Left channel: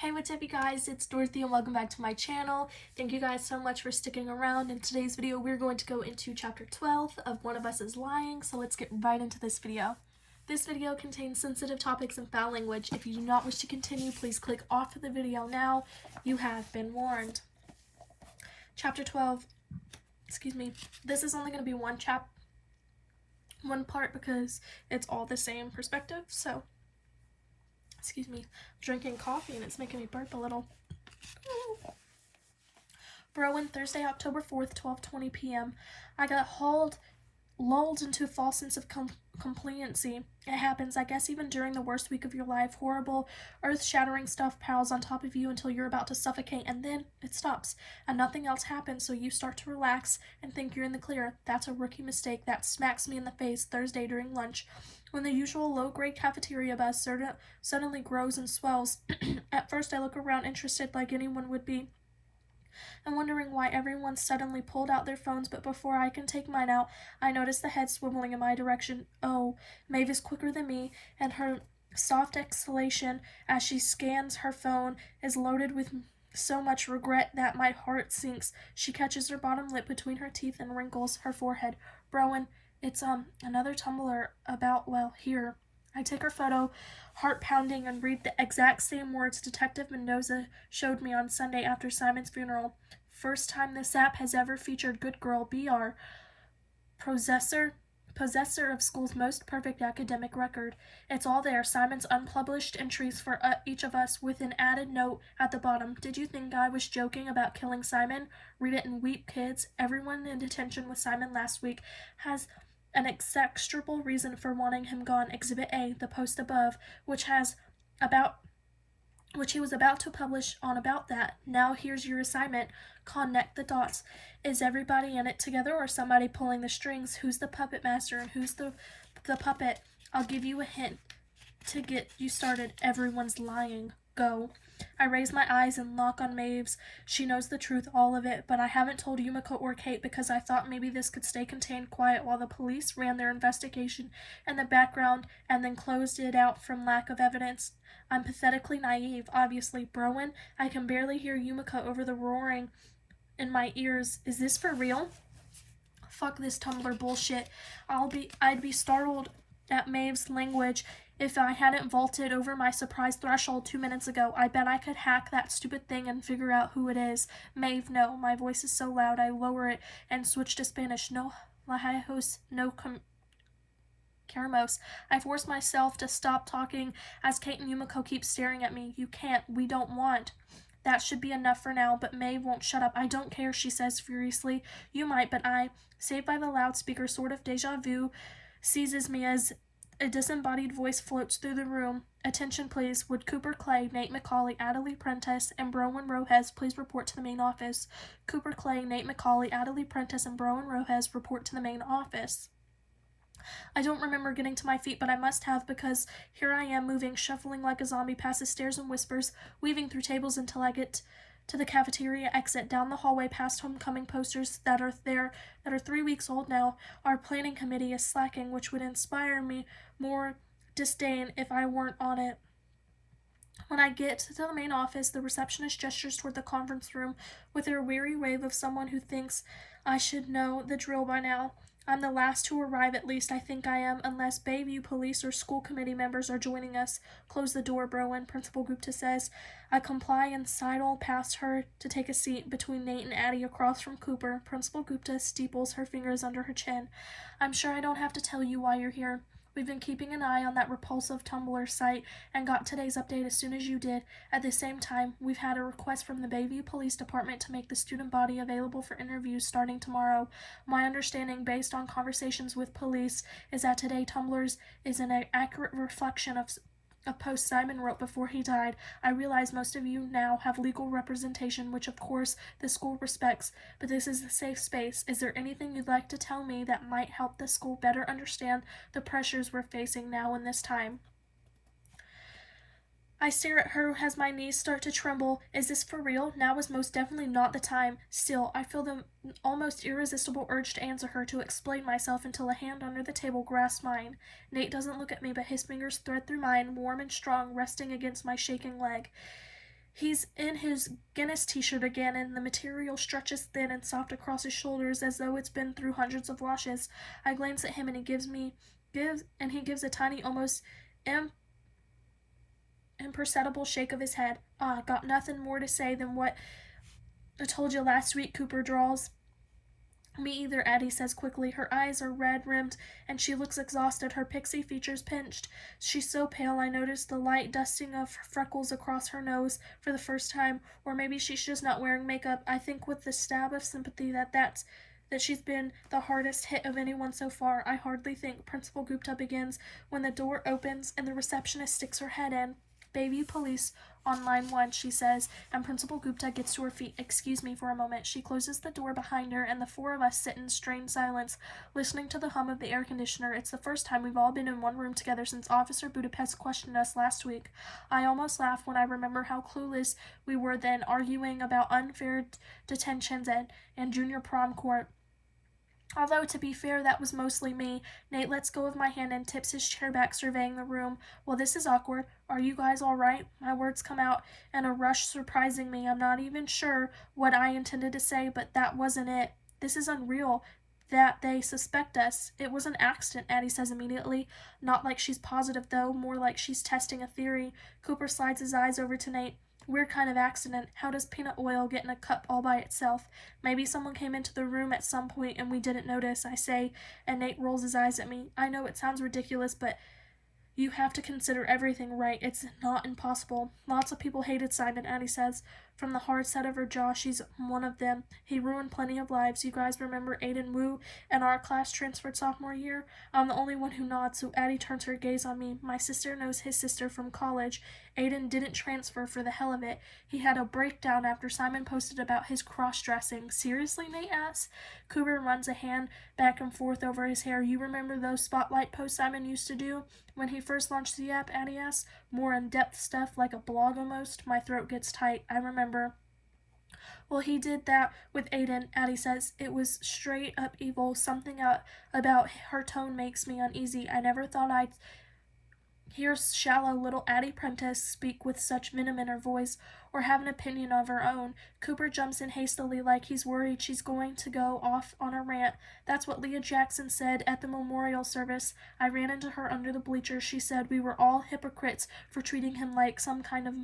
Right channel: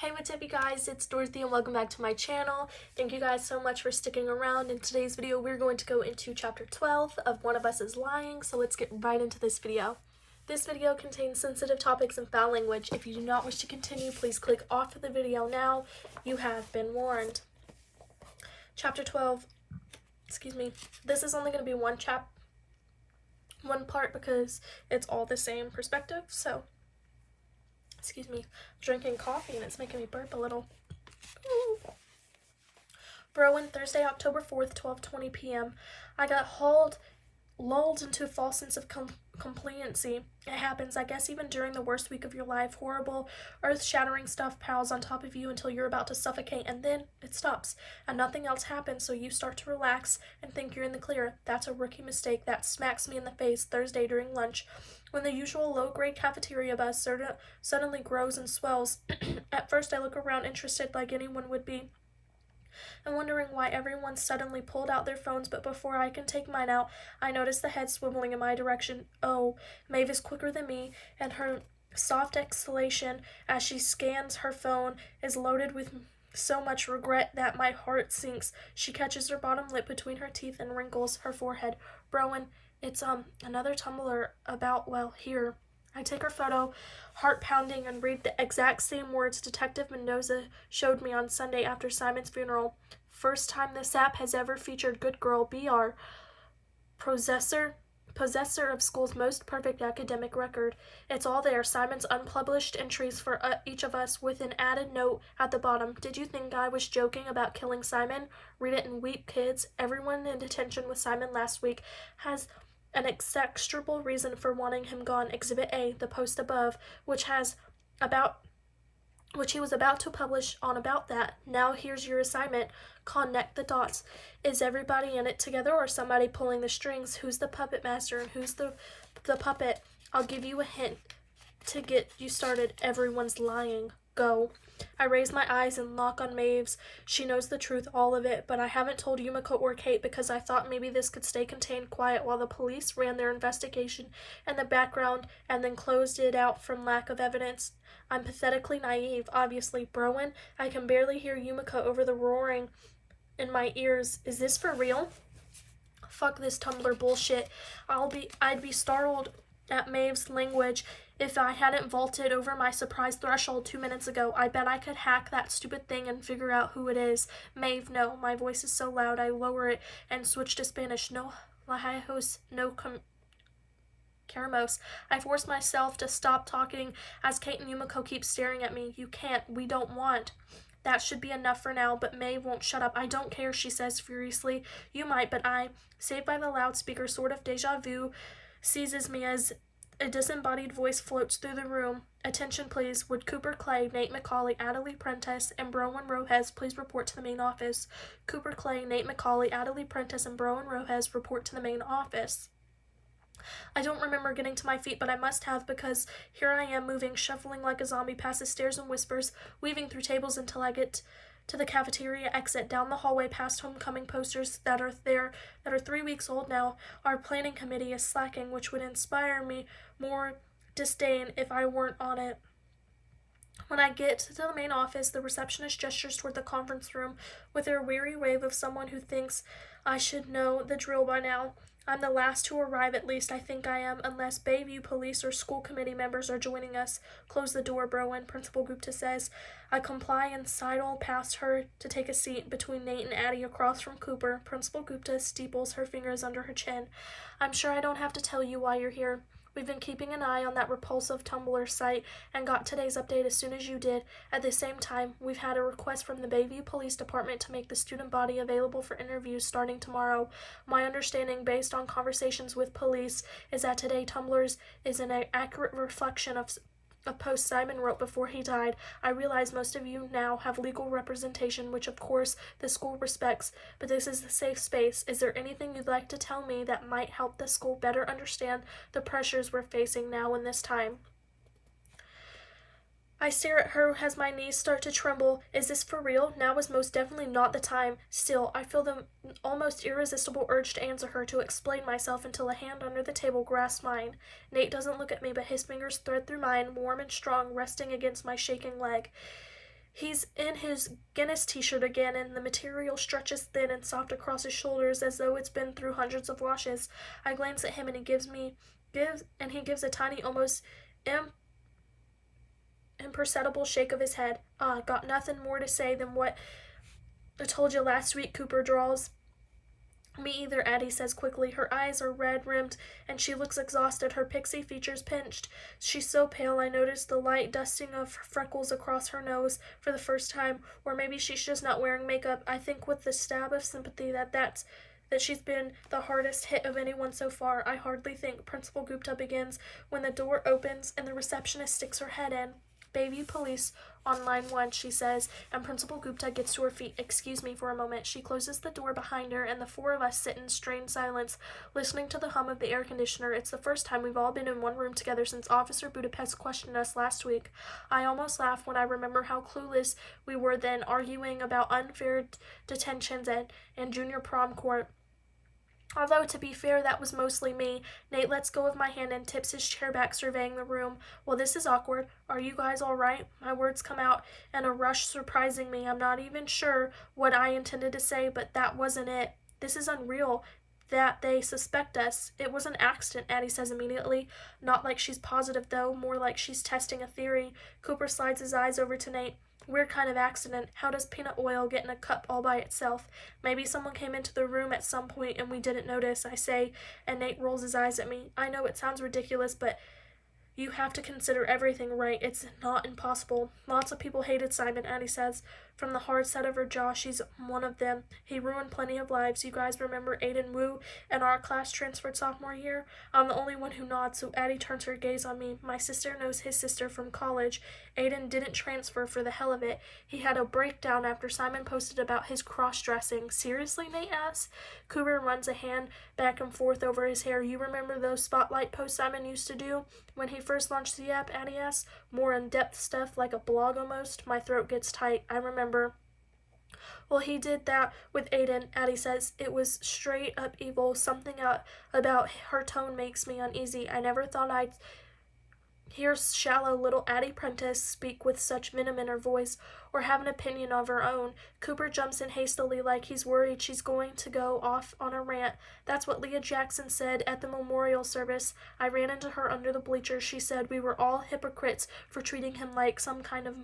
Hey, what's up you guys? It's Dorothy and welcome back to my channel. Thank you guys so much for sticking around. In today's video, we're going to go into chapter 12 of One of Us is Lying, so let's get right into this video. This video contains sensitive topics and foul language. If you do not wish to continue, please click off of the video now. You have been warned. Chapter 12, this is only going to be one part because it's all the same perspective, so drinking coffee and it's making me burp a little. Rowan, Thursday, October 4th, 12:20 p.m. I got lulled into a false sense of compliancy. It happens, I guess, even during the worst week of your life. Horrible, earth-shattering stuff piles on top of you until you're about to suffocate, and then it stops, and nothing else happens, so you start to relax and think you're in the clear. That's a rookie mistake that smacks me in the face Thursday during lunch, when the usual low-grade cafeteria buzz suddenly grows and swells. At first, I look around interested like anyone would be, and wondering why everyone suddenly pulled out their phones, but before I can take mine out, I notice the head swiveling in my direction. Oh, Maeve is quicker than me, and her soft exhalation as she scans her phone is loaded with so much regret that my heart sinks. She catches her bottom lip between her teeth and wrinkles her forehead. Rowan, it's another Tumblr about, well, here. I take her photo, heart pounding, and read the exact same words Detective Mendoza showed me on Sunday after Simon's funeral. First time this app has ever featured good girl BR, possessor of school's most perfect academic record. It's all there, Simon's unpublished entries for each of us, with an added note at the bottom. Did you think I was joking about killing Simon? Read it and weep, kids. Everyone in detention with Simon last week has an execrable reason for wanting him gone. Exhibit A, the post above, which he was about to publish on about that. Now here's your assignment. Connect the dots. Is everybody in it together or somebody pulling the strings? Who's the puppet master and who's the puppet? I'll give you a hint to get you started. Everyone's lying. Go. I raise my eyes and lock on Maeve's. She knows the truth, all of it, but I haven't told Yumiko or Kate because I thought maybe this could stay contained quiet while the police ran their investigation in the background and then closed it out from lack of evidence. I'm pathetically naive, obviously. Rowan, I can barely hear Yumiko over the roaring in my ears. Is this for real? Fuck this Tumblr bullshit. I'd be startled at Maeve's language if I hadn't vaulted over my surprise threshold 2 minutes ago. I bet I could hack that stupid thing and figure out who it is. Maeve, no. My voice is so loud I lower it and switch to Spanish. No lajos, no Caramos. I force myself to stop talking as Kate and Yumiko keep staring at me. You can't. We don't want. That should be enough for now, but Maeve won't shut up. I don't care, she says furiously. You might, but I, saved by the loudspeaker, sort of deja vu, seizes me as a disembodied voice floats through the room. Attention, please. Would Cooper Clay, Nate McCauley, Adelie Prentice, and Browen Rojas please report to the main office? Cooper Clay, Nate McCauley, Adelie Prentice, and Browen Rojas report to the main office. I don't remember getting to my feet, but I must have, because here I am moving, shuffling like a zombie past the stairs and whispers, weaving through tables until I get to the cafeteria exit, down the hallway past homecoming posters that are 3 weeks old now. Our planning committee is slacking, which would inspire me more disdain if I weren't on it. When I get to the main office, the receptionist gestures toward the conference room with her weary wave of someone who thinks I should know the drill by now. I'm the last to arrive, at least I think I am, unless Bayview police or school committee members are joining us. Close the door, Browen, Principal Gupta says. I comply and sidle past her to take a seat between Nate and Addie across from Cooper. Principal Gupta steeples her fingers under her chin. I'm sure I don't have to tell you why you're here. We've been keeping an eye on that repulsive Tumblr site and got today's update as soon as you did. At the same time, we've had a request from the Bayview Police Department to make the student body available for interviews starting tomorrow. My understanding, based on conversations with police, is that today Tumblr is an accurate reflection of a post Simon wrote before he died. I realize most of you now have legal representation, which of course the school respects, but this is a safe space. Is there anything you'd like to tell me that might help the school better understand the pressures we're facing now in this time? I stare at her as my knees start to tremble. Is this for real? Now is most definitely not the time. Still, I feel the almost irresistible urge to answer her, to explain myself, until a hand under the table grasps mine. Nate doesn't look at me, but his fingers thread through mine, warm and strong, resting against my shaking leg. He's in his Guinness t-shirt again, and the material stretches thin and soft across his shoulders as though it's been through hundreds of washes. I glance at him, and he gives a tiny, almost imperceptible shake of his head. Ah, got nothing more to say than what I told you last week, Cooper drawls. Me either, Addie says quickly. Her eyes are red-rimmed, and she looks exhausted, her pixie features pinched. She's so pale I notice the light dusting of freckles across her nose for the first time, or maybe she's just not wearing makeup. I think with the stab of sympathy that she's been the hardest hit of anyone so far. I hardly think Principal Gupta begins when the door opens and the receptionist sticks her head in. Bayview Police on line 1, she says, and Principal Gupta gets to her feet. Excuse me for a moment. She closes the door behind her, and the four of us sit in strained silence, listening to the hum of the air conditioner. It's the first time we've all been in one room together since Officer Budapest questioned us last week. I almost laugh when I remember how clueless we were then, arguing about unfair detentions and junior prom court. Although, to be fair, that was mostly me. Nate lets go of my hand and tips his chair back, surveying the room. Well, this is awkward. Are you guys all right? My words come out in a rush, surprising me. I'm not even sure what I intended to say, but that wasn't it. This is unreal that they suspect us. It was an accident, Addie says immediately. Not like she's positive, though, more like she's testing a theory. Cooper slides his eyes over to Nate. Weird kind of accident. How does peanut oil get in a cup all by itself? Maybe someone came into the room at some point and we didn't notice, I say, and Nate rolls his eyes at me. I know it sounds ridiculous, but you have to consider everything, right? It's not impossible. Lots of people hated Simon, Addie says. From the hard set of her jaw, she's one of them. He ruined plenty of lives. You guys remember Aiden Wu and our class transferred sophomore year? I'm the only one who nods, so Addie turns her gaze on me. My sister knows his sister from college. Aiden didn't transfer for the hell of it. He had a breakdown after Simon posted about his cross-dressing. Seriously, Nate asks. Cooper runs a hand back and forth over his hair. You remember those spotlight posts Simon used to do? When he first launched the app, Addie asks. More in-depth stuff, like a blog almost. My throat gets tight. I remember. Well, he did that with Aiden, Addie says. It was straight up evil. Something about her tone makes me uneasy. I never thought I'd hear shallow little Addie Prentice speak with such venom in her voice, or have an opinion of her own. Cooper jumps in hastily like he's worried she's going to go off on a rant. That's what Leah Jackson said at the memorial service. I ran into her under the bleachers. She said we were all hypocrites for treating him like some kind of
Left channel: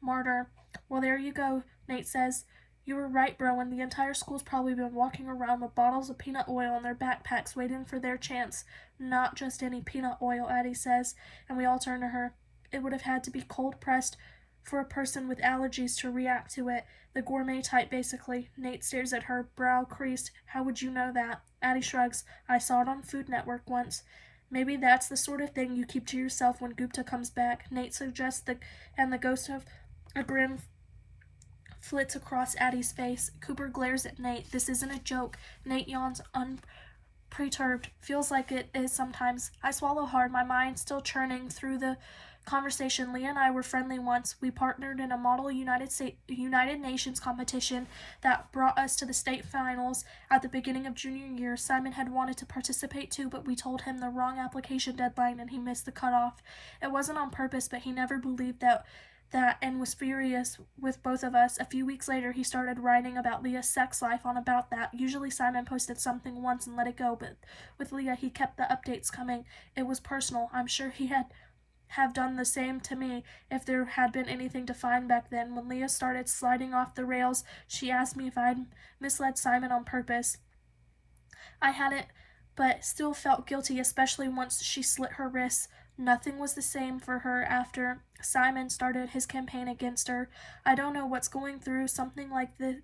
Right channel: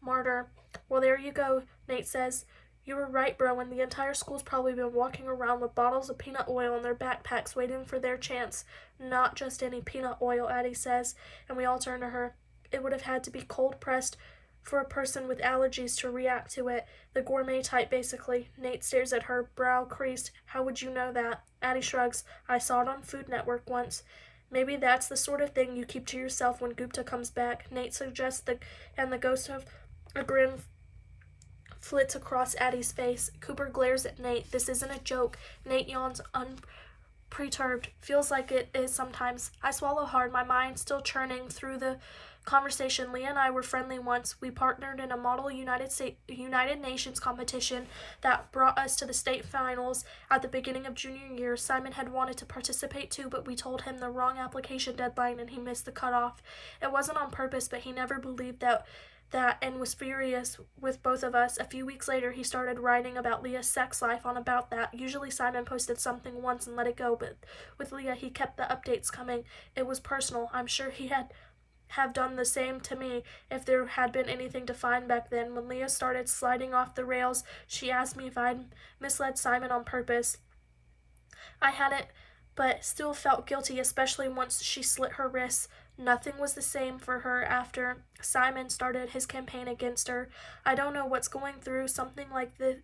martyr. Well, there you go, Nate says. You were right, bro, and the entire school's probably been walking around with bottles of peanut oil in their backpacks waiting for their chance. Not just any peanut oil, Addie says, and we all turn to her. It would have had to be cold-pressed for a person with allergies to react to it. The gourmet type, basically. Nate stares at her, brow creased. How would you know that? Addie shrugs. I saw it on Food Network once. Maybe that's the sort of thing you keep to yourself when Gupta comes back, Nate suggests, and the ghost of a grin flits across Addie's face. Cooper glares at Nate. This isn't a joke. Nate yawns unperturbed. Feels like it is sometimes. I swallow hard, my mind still churning through the conversation. Leah and I were friendly once. We partnered in a model United Nations competition that brought us to the state finals at the beginning of junior year. Simon had wanted to participate too, but we told him the wrong application deadline and he missed the cutoff. It wasn't on purpose, but he never believed that and was furious with both of us. A few weeks later, he started writing about Leah's sex life on About That. Usually Simon posted something once and let it go, but with Leah, he kept the updates coming. It was personal. I'm sure he have done the same to me if there had been anything to find back then. When Leah started sliding off the rails, she asked me if I'd misled Simon on purpose. I hadn't, but still felt guilty, especially once she slit her wrists. Nothing was the same for her after Simon started his campaign against her. I don't know what going through something like this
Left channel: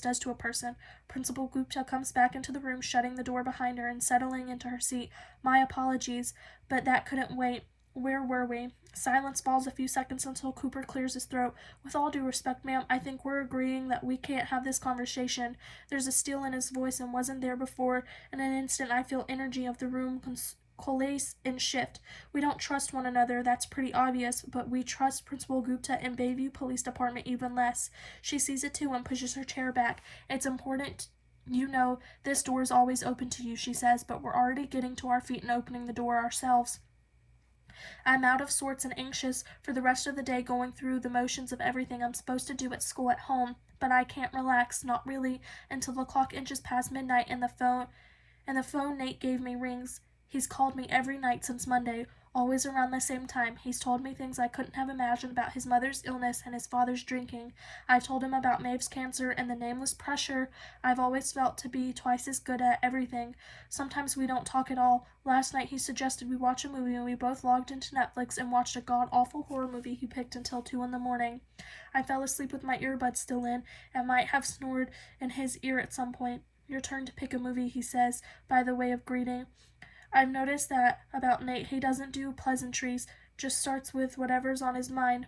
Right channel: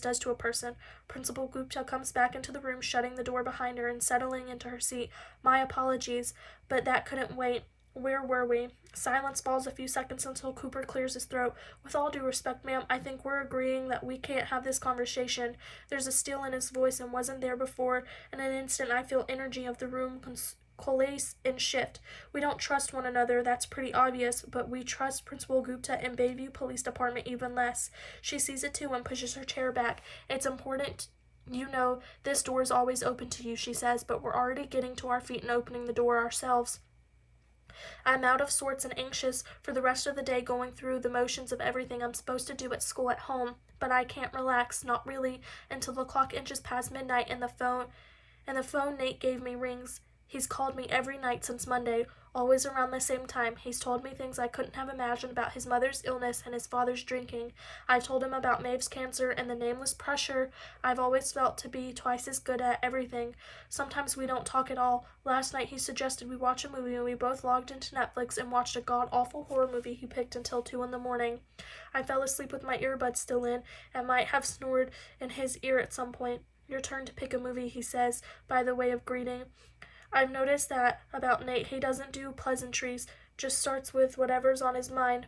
does to a person. Principal Gupta comes back into the room, shutting the door behind her and settling into her seat. My apologies, but that couldn't wait. Where were we? Silence falls a few seconds until Cooper clears his throat. With all due respect, ma'am, I think we're agreeing that we can't have this conversation. There's a steel in his voice and wasn't there before. In an instant, I feel energy of the room coalesce and shift. We don't trust one another, that's pretty obvious, but we trust Principal Gupta and Bayview Police Department even less. She sees it too and pushes her chair back. It's important. You know, this door is always open to you, she says, but we're already getting to our feet and opening the door ourselves. I'm out of sorts and anxious for the rest of the day, going through the motions of everything I'm supposed to do at school at home, but I can't relax, not really, until the clock inches past midnight and the phone Nate gave me rings. He's called me every night since Monday, always around the same time. He's told me things I couldn't have imagined about his mother's illness and his father's drinking. I've told him about Maeve's cancer and the nameless pressure I've always felt to be twice as good at everything. Sometimes we don't talk at all. Last night he suggested we watch a movie and we both logged into Netflix and watched a god-awful horror movie he picked until 2 in the morning. I fell asleep with my earbuds still in and might have snored in his ear at some point. Your turn to pick a movie, he says, by the way of greeting. I've noticed that about Nate. He doesn't do pleasantries, just starts with whatever's on his mind.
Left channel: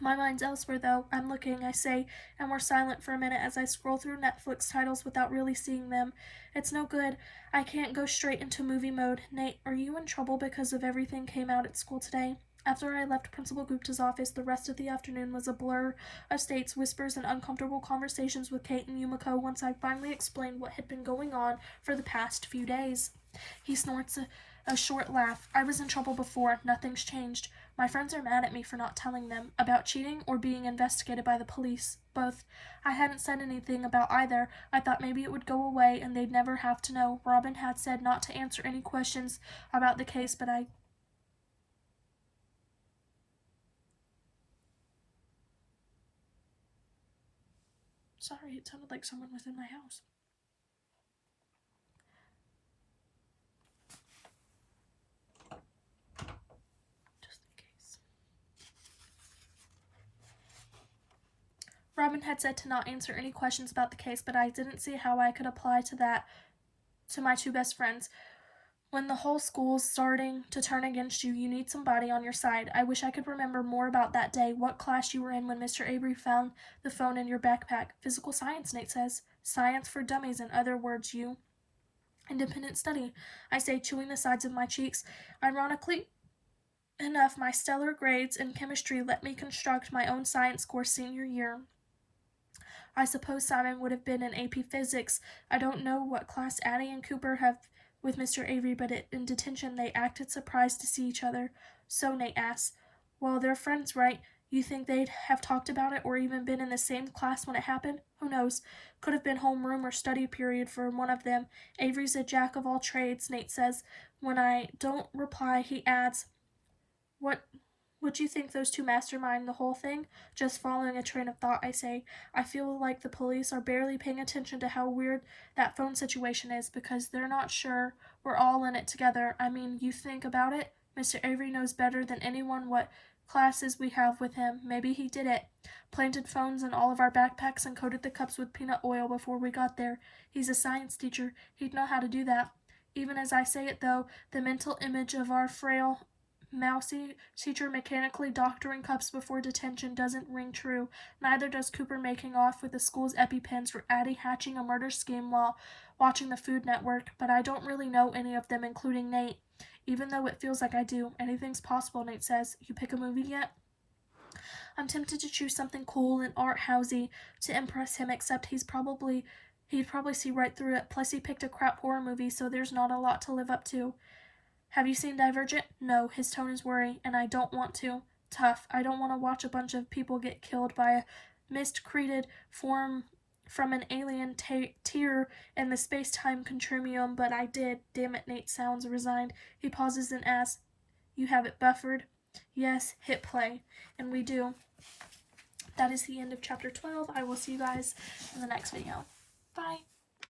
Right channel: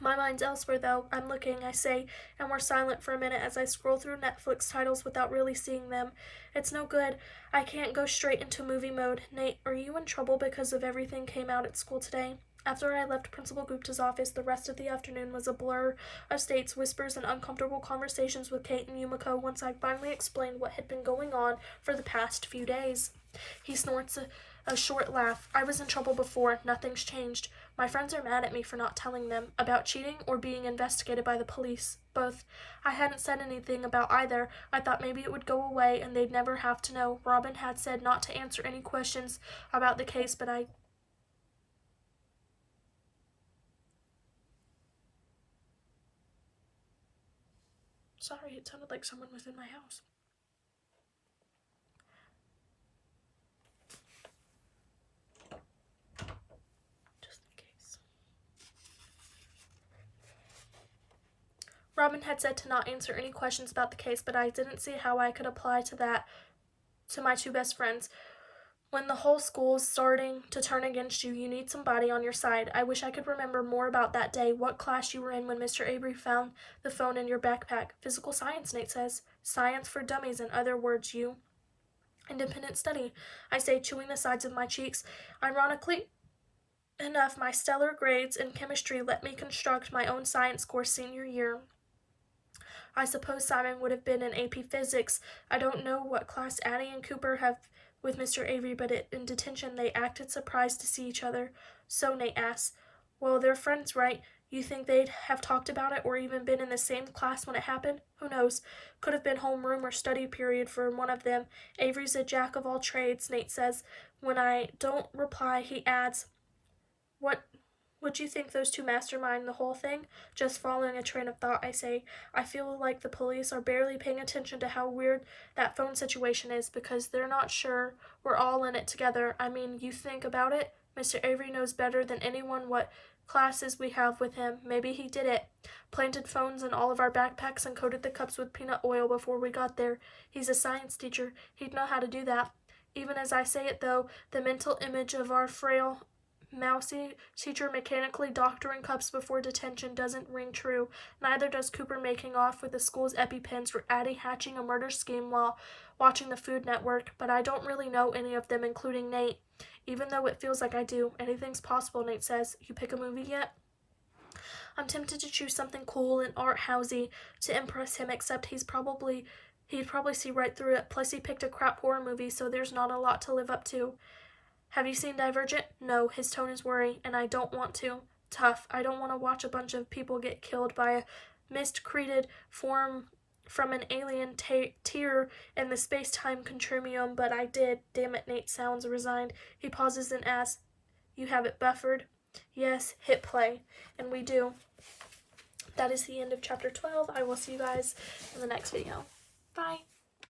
My mind's elsewhere, though. I'm looking, I say, and we're silent for a minute as I scroll through Netflix titles without really seeing them. It's no good. I can't go straight into movie mode. Nate, are you in trouble because of everything came out at school today? After I left Principal Gupta's office, the rest of the afternoon was a blur of states, whispers, and uncomfortable conversations with Kate and Yumiko once I finally explained what had been going on for the past few days. He snorts a short laugh. I was in trouble before. Nothing's changed. My friends are mad at me for not telling them about cheating or being investigated by the police. Both. I hadn't said anything about either. I thought maybe it would go away and they'd never have to know. Robin had said not to answer any questions about the case, but Sorry, it sounded like someone was in my house. Just in case. Robin had said to not answer any questions about the case, but I didn't see how I could apply that to my two best friends. When the whole school's starting to turn against you, you need somebody on your side. I wish I could remember more about that day, what class you were in when Mr. Avery found the phone in your backpack. Physical science, Nate says. Science for dummies, in other words, you. Independent study, I say, chewing the sides of my cheeks. Ironically enough, my stellar grades in chemistry let me construct my own science course senior year. I suppose Simon would have been in AP Physics. I don't know what class Addie and Cooper have with Mr. Avery, but in detention they acted surprised to see each other. So Nate asks, well, they're friends, right? You think they'd have talked about it or even been in the same class when it happened? Who knows? Could have been homeroom or study period for one of them. Avery's a jack of all trades, Nate says. When I don't reply, he adds, what would you think those two mastermind the whole thing? Just following a train of thought, I say. I feel like the police are barely paying attention to how weird that phone situation is because they're not sure we're all in it together. I mean, you think about it. Mr. Avery knows better than anyone what classes we have with him. Maybe he did it. Planted phones in all of our backpacks and coated the cups with peanut oil before we got there. He's a science teacher. He'd know how to do that. Even as I say it, though, the mental image of our frail mousy teacher mechanically doctoring cups before detention doesn't ring true. Neither does Cooper making off with the school's EpiPens or Addie hatching a murder scheme while watching the Food Network, but I don't really know any of them, including Nate, even though it feels like I do. Anything's possible, Nate says. You pick a movie yet? I'm tempted to choose something cool and art-housey to impress him, except he'd probably see right through it. Plus he picked a crap horror movie, so there's not a lot to live up to. Have you seen Divergent? No, his tone is worry, and I don't want to. Tough. I don't want to watch a bunch of people get killed by a mist-created form from an alien tear in the space-time continuum, but I did. Damn it, Nate sounds resigned. He pauses and asks, you have it buffered? Yes, hit play. And we do. That is the end of chapter 12. I will see you guys in the next video. Bye.